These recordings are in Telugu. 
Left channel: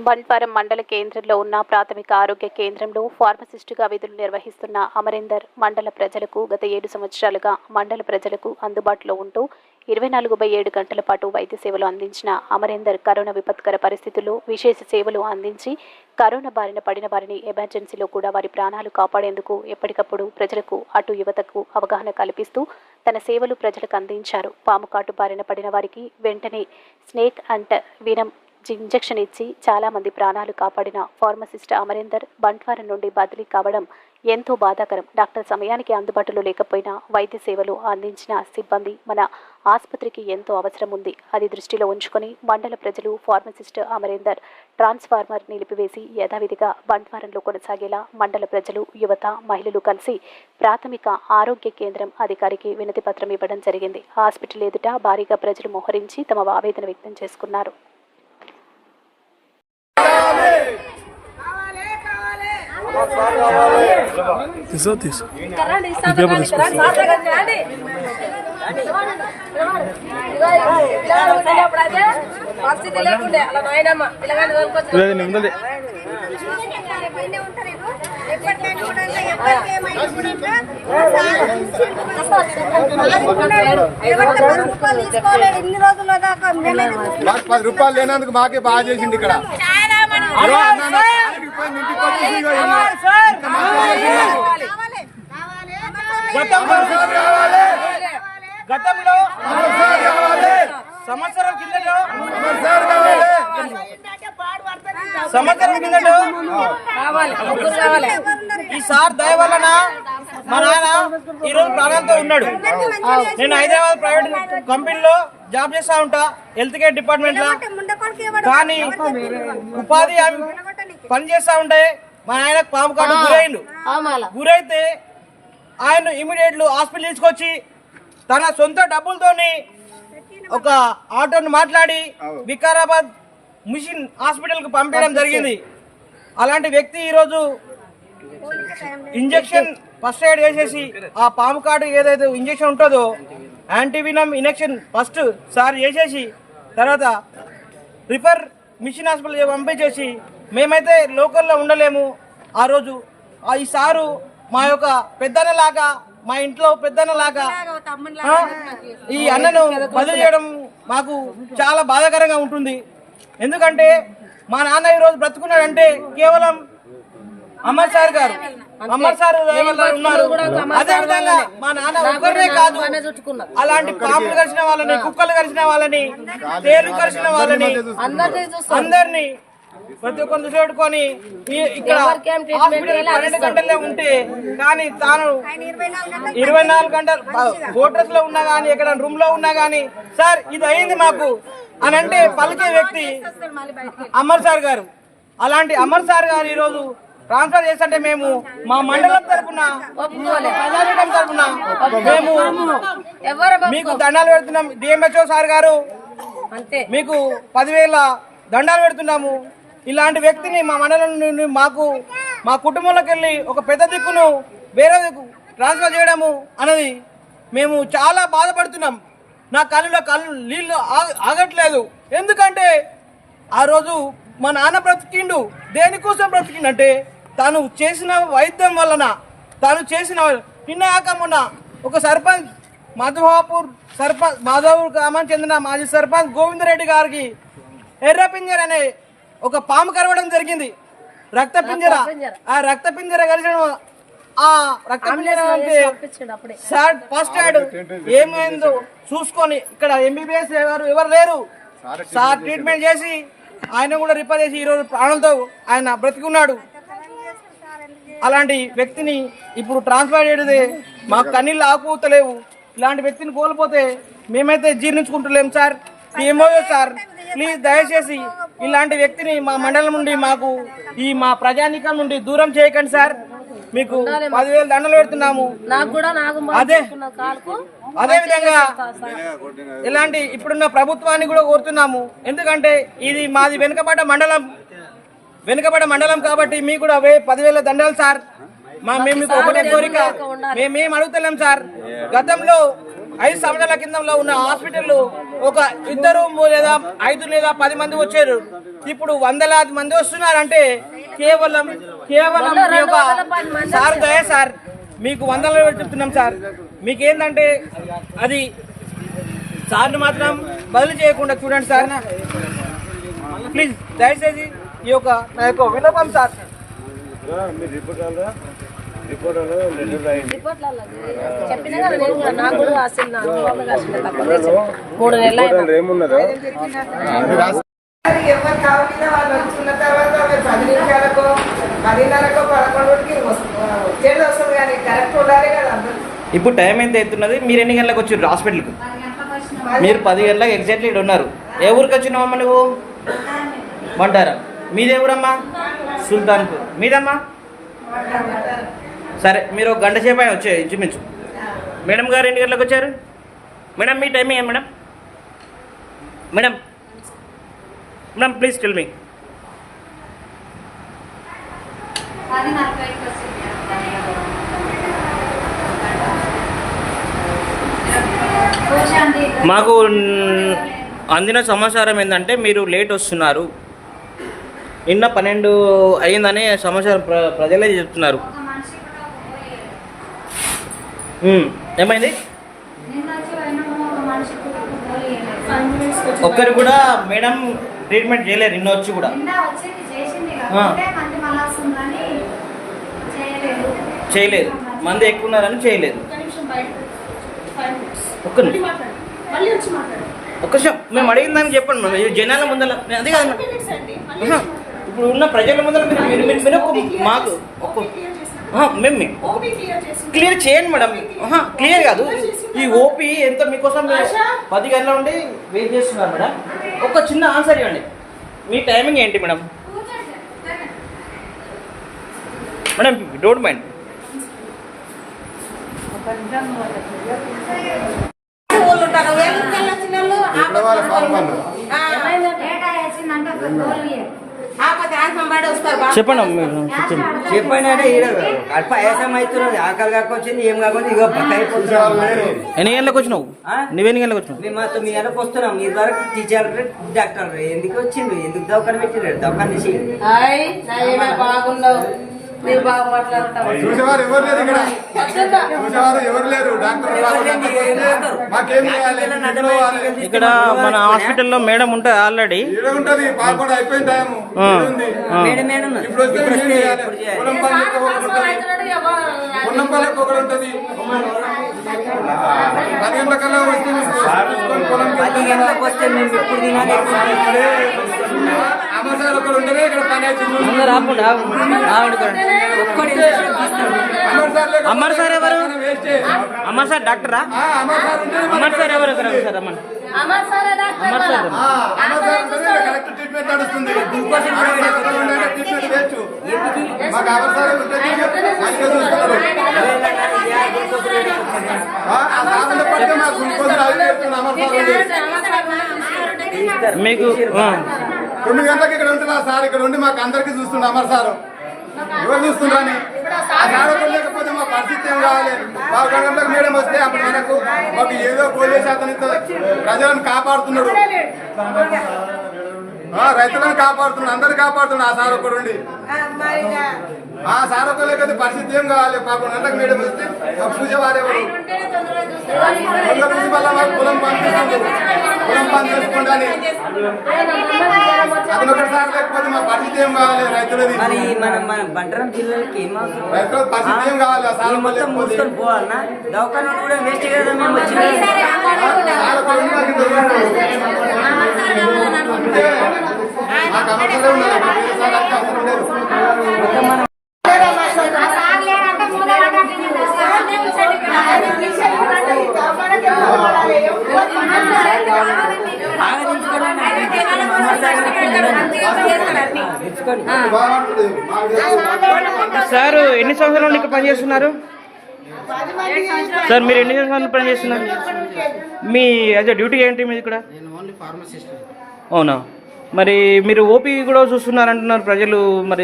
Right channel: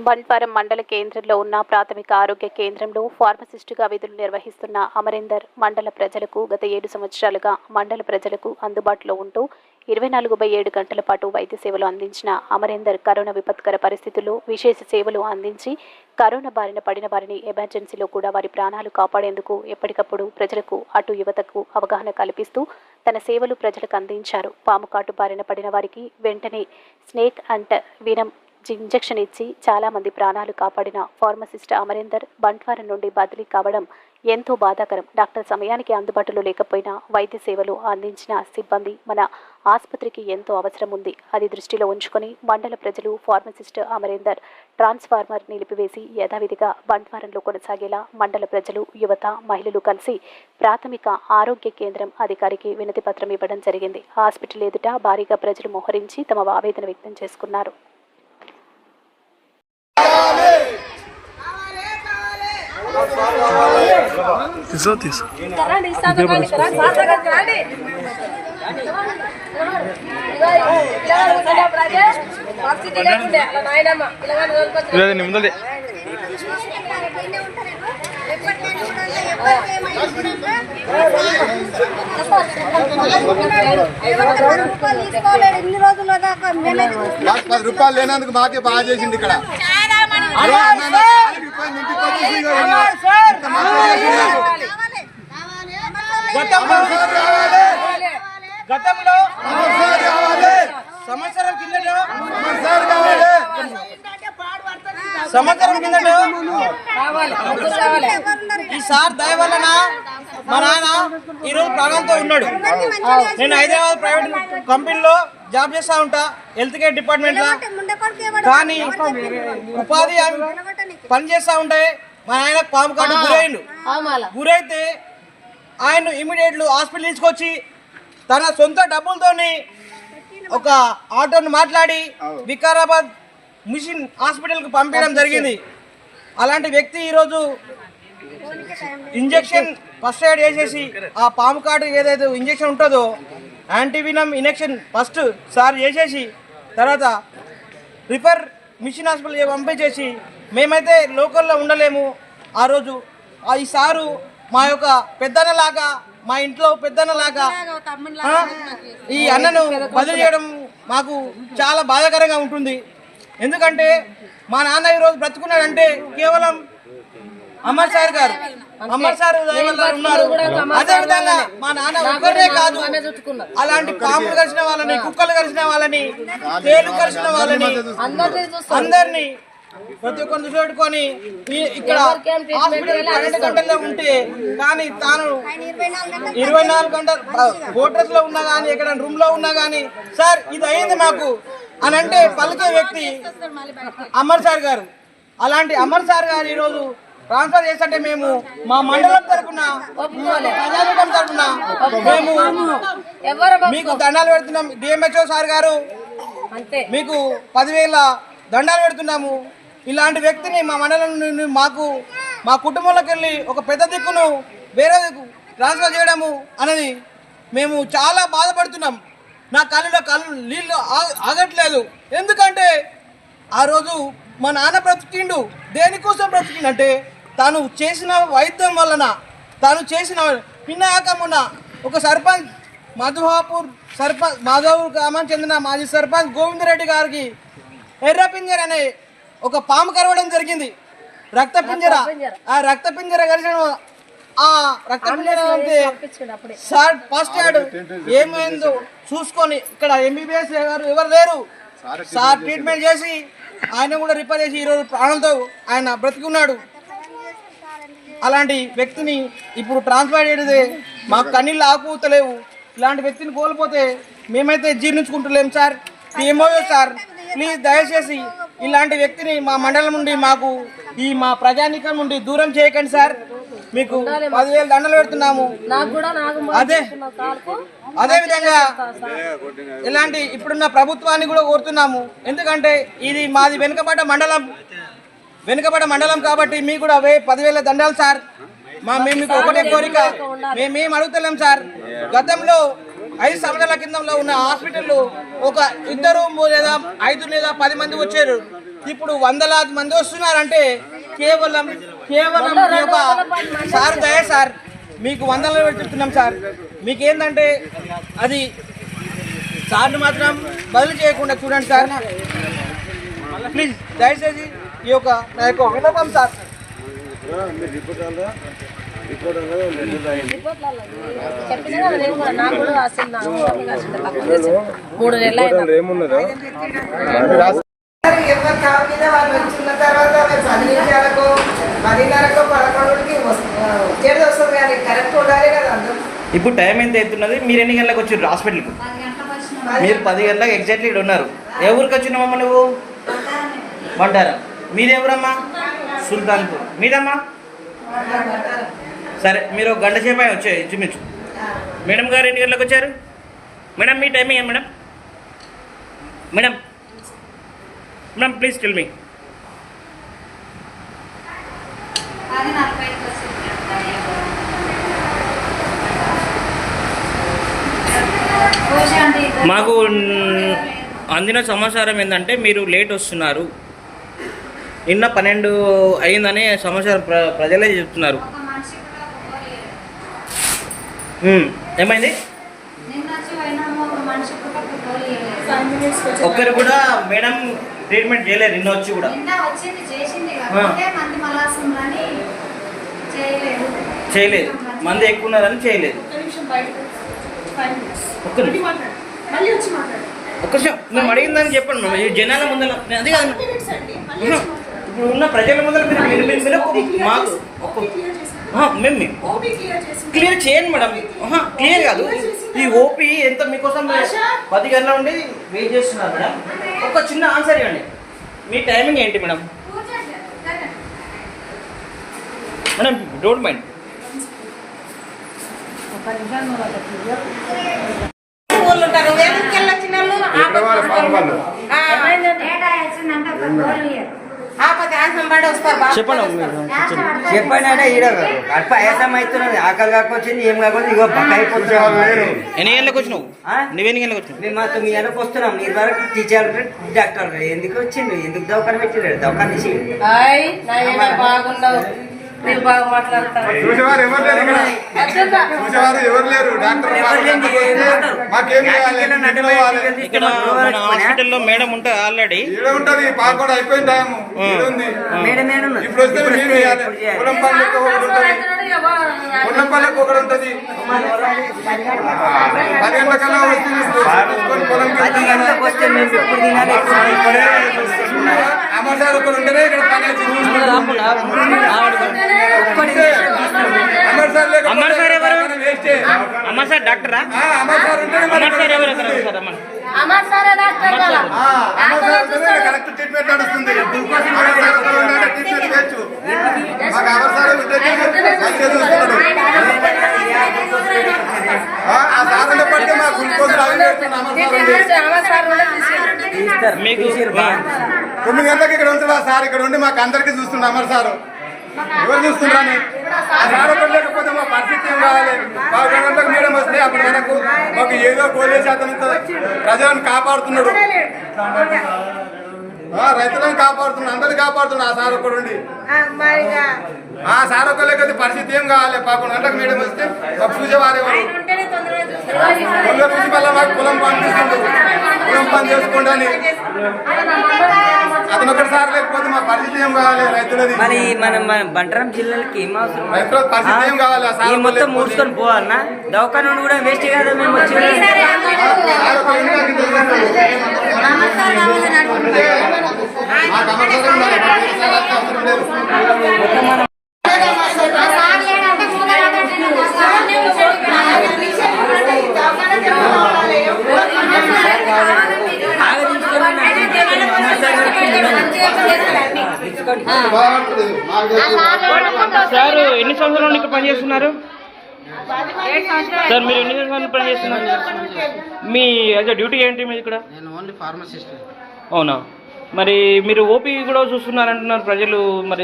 బంట్వారం మండల కేంద్రంలో ఉన్న ప్రాథమిక ఆరోగ్య కేంద్రంలో ఫార్మసిస్టుగా విధులు నిర్వహిస్తున్న అమరేందర్ మండల ప్రజలకు గత ఏడు సంవత్సరాలుగా మండల ప్రజలకు అందుబాటులో ఉంటూ ఇరవై నాలుగు బై ఏడు గంటల పాటు వైద్య సేవలు అందించిన అమరేందర్ కరోనా విపత్కర పరిస్థితుల్లో విశేష సేవలు అందించి కరోనా బారిన పడిన వారిని ఎమర్జెన్సీలో కూడా వారి ప్రాణాలు కాపాడేందుకు ఎప్పటికప్పుడు ప్రజలకు అటు యువతకు అవగాహన కల్పిస్తూ తన సేవలు ప్రజలకు అందించారు. పాము కాటు బారిన పడిన వారికి వెంటనే స్నేక్ అండ్ వీనం ఇంజెక్షన్ ఇచ్చి చాలామంది ప్రాణాలు కాపాడిన ఫార్మసిస్ట్ అమరేందర్ బంట్వారం నుండి బదిలీ కావడం ఎంతో బాధాకరం. డాక్టర్ సమయానికి అందుబాటులో లేకపోయినా వైద్య సేవలు అందించిన సిబ్బంది మన ఆసుపత్రికి ఎంతో అవసరం ఉంది. అది దృష్టిలో ఉంచుకొని మండల ప్రజలు ఫార్మసిస్ట్ అమరేందర్ ట్రాన్స్ఫార్మర్ నిలిపివేసి యథావిధిగా బంట్వారంలో కొనసాగేలా మండల ప్రజలు యువత మహిళలు కలిసి ప్రాథమిక ఆరోగ్య కేంద్రం అధికారికి వినతి పత్రం ఇవ్వడం జరిగింది. హాస్పిటల్ ఎదుట భారీగా ప్రజలు మోహరించి తమ ఆవేదన వ్యక్తం చేసుకున్నారు తీసో తీసో పరిస్థితి లేకుండే అలా నాయనమ్మ పిల్లగాని తోలుకొచ్చి ఇరవై నిమిషాలు ఇన్ని రోజుల మేమైతే మాకు పది రూపాయలు లేనందుకు మాకే బాగా చేసిండు ఇక్కడ. గతంలో గతంలో సంవత్సరం కిందటో సంవత్సరం కిందటో ఈ సార్ దయ వలన మా నాన్న ఈ రోజు ప్రాణంతో ఉన్నాడు. నేను హైదరాబాద్ ప్రైవేట్ కంపెనీలో జాబ్ చేస్తా ఉంటా హెల్త్ కేర్ డిపార్ట్మెంట్లో. కానీ ఉపాధి హామీ పని చేస్తా ఉంటే మా నాయన పాము కాటు గురైండు. గురైతే ఆయన ఇమీడియట్లు హాస్పిటల్ తీసుకొచ్చి తన సొంత డబ్బులతోని ఒక ఆటోను మాట్లాడి వికారాబాద్ మిషన్ హాస్పిటల్కి పంపించడం జరిగింది. అలాంటి వ్యక్తి ఈరోజు ఇంజెక్షన్ ఫస్ట్ ఎయిడ్ వేసేసి ఆ పాము కాటు ఏదైతే ఇంజెక్షన్ ఉంటుందో యాంటీవినమ్ ఇంజెక్షన్ ఫస్ట్ సార్ చేసేసి తర్వాత రిఫర్ మిషన్ హాస్పిటల్ పంపించేసి మేమైతే లోకల్లో ఉండలేము. ఆ రోజు ఆ ఈ సారు మా యొక్క పెద్దన్నలాగా మా ఇంట్లో పెద్దన్నలాగా ఈ అన్నను బదిలీ చేయడం మాకు చాలా బాధాకరంగా ఉంటుంది. ఎందుకంటే మా నాన్న ఈరోజు బ్రతుకున్నాడంటే కేవలం అమర్ సార్ గారు. అమర్ సార్ ఉన్నారు. అదే విధంగా మా నాన్న ఒక్కరే కాదు. అలాంటి పాములు కలిసిన వాళ్ళని కుక్కలు కలిసిన వాళ్ళని తేలు కలిసిన వాళ్ళని అందరినీ ప్రతి పెట్టుకొని ఈ- ఇక్కడ పన్నెండు గంటలే ఉంటే కానీ తాను ఇరవై నాలుగు గంటలు హోటల్స్లో ఉన్నా కానీ ఎక్కడ రూమ్లో ఉన్నా కానీ సార్ ఇది అయింది మాకు అని అంటే పలికే వ్యక్తి అమర్ సార్ గారు. అలాంటి అమర్ సార్ గారు ఈరోజు ట్రాన్స్ఫర్ చేస్తుంటే మేము మా మండలం తరఫున ప్రజానీకం తరఫున మేము మీకు దండాలు పెడుతున్నాం. డిఎంహెచ్ఓ సార్ గారు మీకు పదివేల దండాలు పెడుతున్నాము. ఇలాంటి వ్యక్తిని మా మండలం నుండి మాకు మా కుటుంబంలోకి వెళ్ళి ఒక పెద్ద దిక్కును వేరే దిక్కు ట్రాన్స్ఫర్ చేయడము అనేది మేము చాలా బాధపడుతున్నాం. నా కళ్ళలో కళ్ళు నీళ్ళు ఆగ- ఆగట్లేదు. ఎందుకంటే ఆ రోజు మా నాన్న బ్రతికిండు. దేనికోసం బ్రతికిండంటే తాను చేసిన వైద్యం వలన తాను చేసిన నిన్న ఒక సర్పంచ్ మధుహాపూర్ సర్పంచ్ మాధవపూర్ గ్రామానికి చెందిన మాజీ సర్పంచ్ గోవిందరెడ్డి గారికి ఎర్ర పింజర అనే ఒక పాము కరవడం జరిగింది. రక్త పింజర ఆ రక్త పింజర కలిసిన ఆ రక్త పింజర అంటే సార్ ఫస్ట్ ఎయిడ్ ఏమైందో చూసుకొని ఇక్కడ ఎంబీబీఎస్ గారు ఎవరు లేరు. సార్ ట్రీట్మెంట్ చేసి ఆయన కూడా రిపేర్ చేసి ఈరోజు ప్రాణంతో ఆయన బ్రతికున్నాడు. అలాంటి వ్యక్తిని ఇప్పుడు ట్రాన్స్ఫర్ చేయడదే మాకు కన్నీళ్ళు ఆకుతలేవు ఇలాంటి వ్యక్తిని కోల్పోతే మేమైతే జీర్ణించుకుంటలేం సార్. ఏమోయో సార్. ప్లీజ్ దయచేసి ఇలాంటి వ్యక్తిని మా మండలం నుండి మాకు ఈ మా ప్రజానికం నుండి దూరం చేయకండి సార్. మీకు పదివేలు దండలు పెడుతున్నాము. అదే అదే విధంగా ఇలాంటి ఇప్పుడున్న ప్రభుత్వాన్ని కూడా కోరుతున్నాము. ఎందుకంటే ఇది మాది వెనుకబడ్డ మండలం. వెనుకబడ మండలం కాబట్టి మీకు కూడా అవే పదివేల దండాలు సార్. మా మేము మీకు ఒకటే కోరిక. మేమేం అడుగుతలేం సార్. గతంలో ఐదు సంవత్సరాల కిందంలో ఉన్న హాస్పిటల్ ఒక ఇద్దరు లేదా ఐదు లేదా పది మంది వచ్చారు. ఇప్పుడు వందలాది మంది వస్తున్నారంటే కేవలం కేవలం ఒక సార్ దయ సార్. మీకు వందల చెప్తున్నాం సార్. మీకు ఏంటంటే అది సార్ని మాత్రం బదిలీ చేయకుండా చూడండి సార్. ప్లీజ్ దయచేసి ఈ యొక్క నా యొక్క విన్నపం సార్. ఏమున్నదో ఎవరి జాబ్ మీద వాళ్ళు వచ్చుకున్న తర్వాత మరి పది నిమిషాలకు పదిన్నరకు పదకొండుకి వచ్చేది వస్తుంది కానీ కరెక్ట్ ఉండాలి కదా అందరూ ఇప్పుడు టైం ఎంత అవుతున్నది? మీరు ఎన్ని గంటలకు వచ్చారు హాస్పిటల్కి? మీరు పది గంటలకు ఎగ్జాక్ట్లీ ఇక్కడ ఉన్నారు ఏ ఊరికి వచ్చినావమ్మా నువ్వు? బంటారా మీదెవరమ్మా సుల్తాన్పూర్. మీదమ్మా? సరే మీరు గంట సేపు అయినా వచ్చాయి ఇంచుమించు. మేడం గారు ఎన్ని గంటలకు వచ్చారు? మేడం మీ టైం ఏం madam? Madam madam please tell me మాకు అందిన సమాచారం ఏంటంటే మీరు లేట్ వస్తున్నారు. నిన్న పన్నెండు అయిందని సమాచారం ప్ర ప్రజలే చెప్తున్నారు. ఏమైంది. ఒక్కరు కూడా మేడం ట్రీట్మెంట్ చేయలేరు నిన్న వచ్చి కూడా. చేయలేదు. చేయలేదు. మంది ఎక్కువ ఉన్నారని చేయలేదు. ఒక్క నిమిషం ఒక్క నిమిషం. మేము అడిగిందని చెప్పండి మేడం. ఈ జనాల ముందర అది కాదు. ఇప్పుడు ఉన్న ప్రజల ముందర మీరు మీరు మాకు మేము క్లియర్ చేయండి మేడం. క్లియర్ కాదు. ఈ ఓపీ ఎంత మీకోసం పది గంటల ఉండి వెయిట్ చేస్తున్నారు మేడం. ఒక చిన్న ఆన్సర్ ఇవ్వండి. మీ టైమింగ్ ఏంటి మేడం? Madam don't mind. వాళ్ళు చెప్పండి చెప్పండి. కడప ఆయాసం అవుతున్నది. ఆకలి కాకొచ్చింది ఏం కాకపోతే ఇగో బక్క అయిపోతున్నాం ఎన్ని గంటలకు వచ్చినావు? నువ్వెన్ని గంటలకు వచ్చినావు? మేము మాతో మీ వెనక వస్తున్నాం. మీరు వరకు టీచర్ డాక్టర్ ఎందుకు వచ్చిండు ఎందుకు దవాఖాన పెట్టినాడు దవాఖాన తీసి మీరు బాగా మాట్లాడతారు. చూసేవారు ఎవరు లేరు ఇక్కడ? చూసేవారు ఎవరు లేరు? డాక్టర్ మాకేం చేయాలి? ఇక్కడ మన హాస్పిటల్లో మేడం ఉంటుంది ఆల్రెడీ. ఈడ ఉంటది పాపడ అయిపోయిన టైం. ఇప్పుడు వస్తే మేము ఏం చేయాలి? పొలం పనులకు ఒకటి ఉంటది. పొలం పనులకు ఒకటి ఉంటది పది గంటల కల్లా వస్తే పొలం పది గంటలకు వస్తే మేము ఎప్పుడు తినాలి ఎప్పుడు ఇక్కడ అమ్మర్ సార్ ఎవరు మనం వేస్టే. అమ్మ సార్ డాక్టరా అమ్మర్ సార్ ఎవరు సార్ డాక్టర్ కరెక్ట్ ట్రీట్మెంట్ నడుస్తుంది మాకు తొమ్మిది గంటలకు ఇక్కడ ఉంటుందా సార్. ఇక్కడ ఉండి మాకు అందరికీ చూస్తుండ అమర్ సార్. ఎవరు చూస్తుండ్రని ఆ సార్ ఒకరు లేకపోతే మా పరిస్థితి ఏం కావాలి? పదకొండు గంటలకు మేడం వస్తే అప్పుడు మనకు మాకు ఏదో అతను ఇంత ప్రజలను కాపాడుతున్నాడు. రైతులను కాపాడుతున్నాడు అందరు కాపాడుతున్నాడు ఆ సార్ ఒకడు ఉండి. ఆ సార్ ఒక్క లేకపోతే పరిస్థితి ఏం కావాలి? పదకొండు గంటలకు మేడం వస్తే పూజ మళ్ళీ మాకు పని చేసుకోండి అని అతను లేకపోతే మా పరిస్థితి ఏం కావాలి రైతులది మరి మన మన బంటరం జిల్లాలకి ఏం అవసరం? రైతుల పరిస్థితి ఏం కావాలి? ఆ సార్ ఈ మొత్తం. మూసుకొని పోవన్నా దవాఖాన కూడా వేస్ట్ కదా మేము సార్ ఒకరు ఉండి నాకు ఇంత చేస్తాడు. మాకు అమ్మకాలు ఉండాలి. సార్ అంతా అవసరం లేదు. బాగుంటుంది. మాకు సార్ ఎన్ని సంవత్సరాల నుండి ఇక్కడ పనిచేస్తున్నారు? సార్ మీరు ఎన్ని సంవత్సరాల పనిచేస్తున్నారు? మీ అదే డ్యూటీ ఏంటి మీది ఇక్కడ? నేను ఓన్లీ ఫార్మసిస్ట్ అవునా? మరి మీరు ఓపీ కూడా చూస్తున్నారు అంటున్నారు ప్రజలు మరి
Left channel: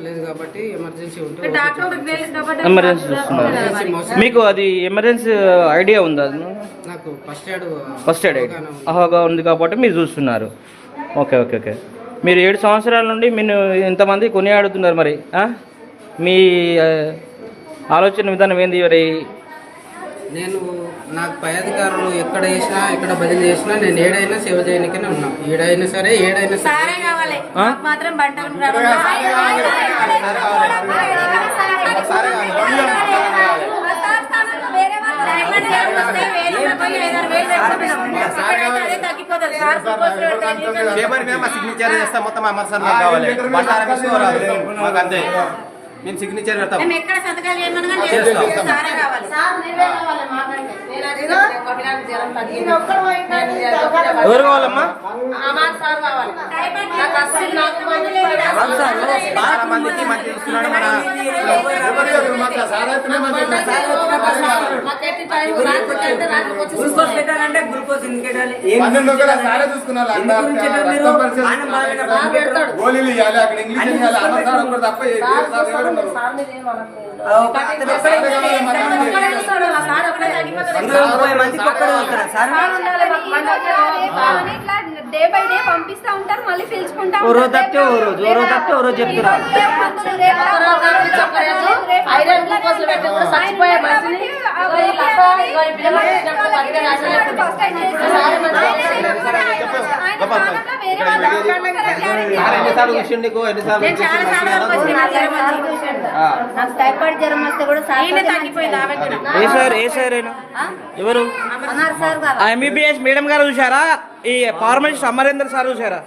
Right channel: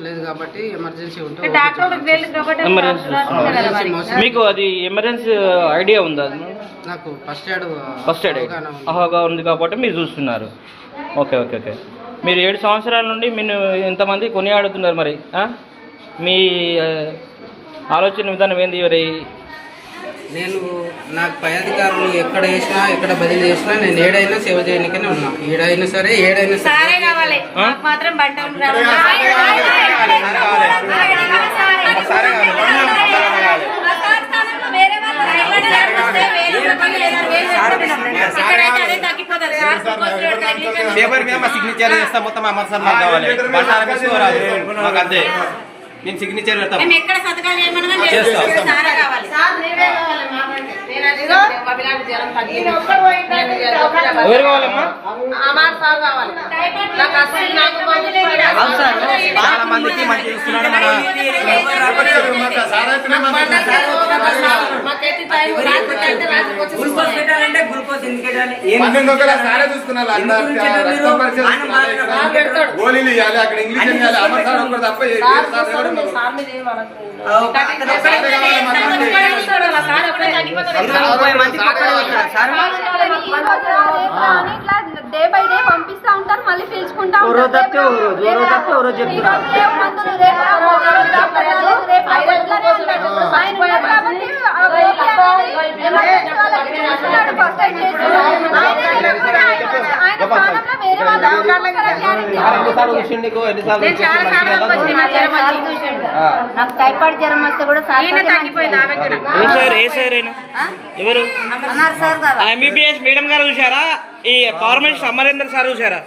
లేదు కాబట్టి ఎమర్జెన్సీ ఉంటే డాక్టర్ తెలియదు కాబట్టి ఎమర్జెన్సీ చూస్తున్నారు మీకు అది ఎమర్జెన్సీ ఐడియా ఉందా? నాకు ఫస్ట్ ఎయిడ్ ఫస్ట్ ఎయిడ్ అవగాహన ఉంది. కాబట్టి మీరు చూస్తున్నారు. Okay okay okay. మీరు ఏడు సంవత్సరాల నుండి మీరు ఇంతమంది కొనియాడుతున్నారు మరి ఆ? మీ ఆలోచన విధానం ఏంది మరి? నేను నాకు పై అధికారులు ఎక్కడ వేసినా ఎక్కడ బదిలీ చేసినా నేను ఏడైనా సేవ చేయడానికనే ఉన్నా ఏడైనా సరే ఏడైనా సరే కావాలి మాత్రం బంటలు పేపర్ మీద మా సిగ్నేచర్ చేస్తాం మొత్తం అమర్ సార్ నాకు కావాలి మాకు అంతే మేము సిగ్నేచర్ పెడతాం. మేము ఎక్కడ సంతకాలు చేయమనగా. సారే కావాలి సార్ కావాలి నాకు గ్లూకోజ్ పెట్టాలంటే గ్లూకోజ్ ఎందుకు పెట్టాలి పన్నెండు వందల సారే చూసుకున్నారు బాగా చేస్తున్నారు. గోళీలు ఇవ్వాలి అక్కడ ఇంగ్లీష్ ఇవ్వాలి సార్ తప్ప ఏ- మంది పక్కన ఉంటారు సార్ డే బై డే పంపిస్తా ఉంటారు మళ్ళీ పిలుచుకుంటా రోజు తప్పితే చెప్తున్నారు. ఫస్ట్ నీకు టైఫాయిడ్ జ్వరం వస్తే కూడా ఎవరు ఎంబీబీఎస్ మేడం గారు చూసారా ఈ ఫార్మసిస్ట్ అమరేందర్ సార్ చూసారా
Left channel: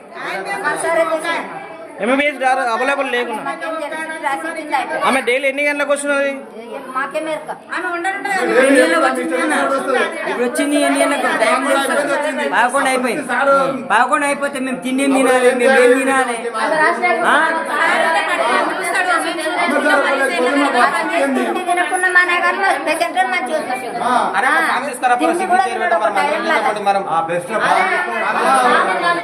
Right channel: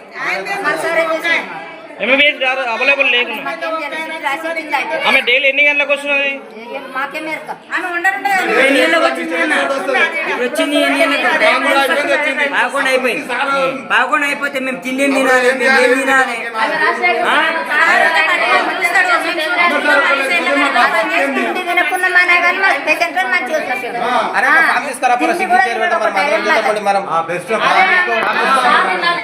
ఎంబీబీఎస్ గారు అవైలబుల్ లేకుండా అయితే ఆమె డైలీ ఎన్ని గంటలకు వస్తున్నది మాకే మేరక ఆమె ఉండరు ఎన్ని ఏళ్ళకి వచ్చింది నాన్న? ఇప్పుడు వచ్చింది ఎన్ని ఏళ్ళకి? టైం కాదు. పదకొండు అయిపోయింది పదకొండు అయిపోతే మేము తిండి తినాలి మేము ఏం తినాలి తినకుండా మన కానీ మా పేషెంట్ మంచిగా వస్తుంది తిండి కూడా తినడు ఒక టైం మనం లాగా ఆ బెస్ట్